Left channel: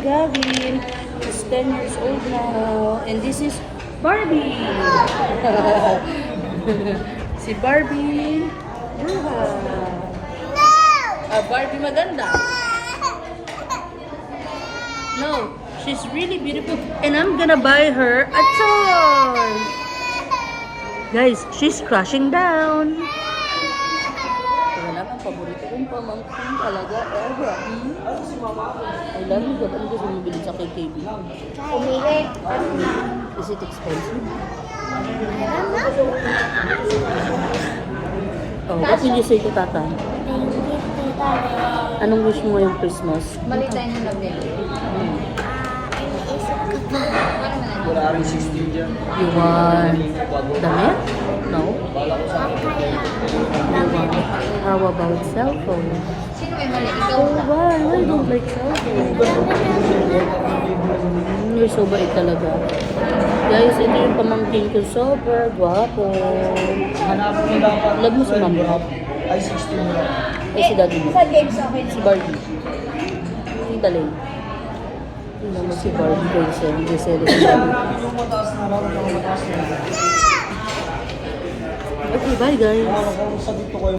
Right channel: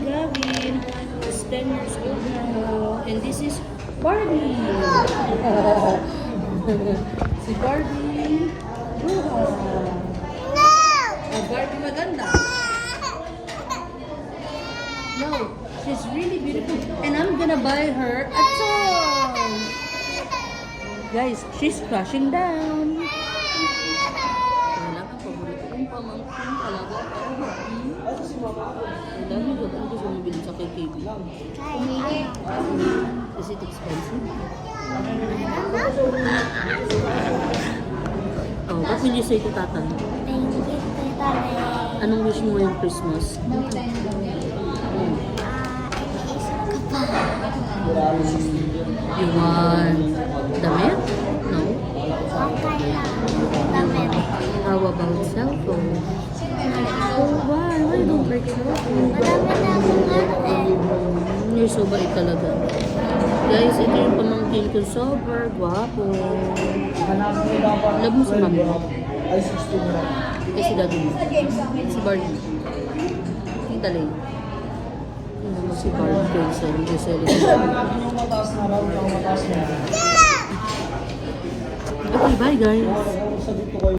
son Gavin. He's 10 years old now. And this is Barbie. Si Barbie. Bruha. Barbie maganda. No, she's really beautiful. And I'm gonna buy her a toy. Guys, she's crashing down. Kaya lang ang paborito kong pamangkin talaga ever. I love you. Ba't ano gusto mo bilhin sa KKB? Umili. Is it expensive? Oh, what will you say to Tata? Thank you, Tita Le. Anong wish mo ngayong Christmas? Mali tayo ng labi. Iniisip ka pa. You want damit? No? You want? How about cell phone? Sino may mali? Ikaw Oh, ba? why? Why you don't like cell phone? You're so bait talaga. Guys, ito yung pamangkin ko. Super guwapo. Love mo si mami. Eh, si daddy mo. Sa games okay na. Si Barbie. Tita Lay. Tingnan mo si Barbie guys. Giselle. Okay, bye guys.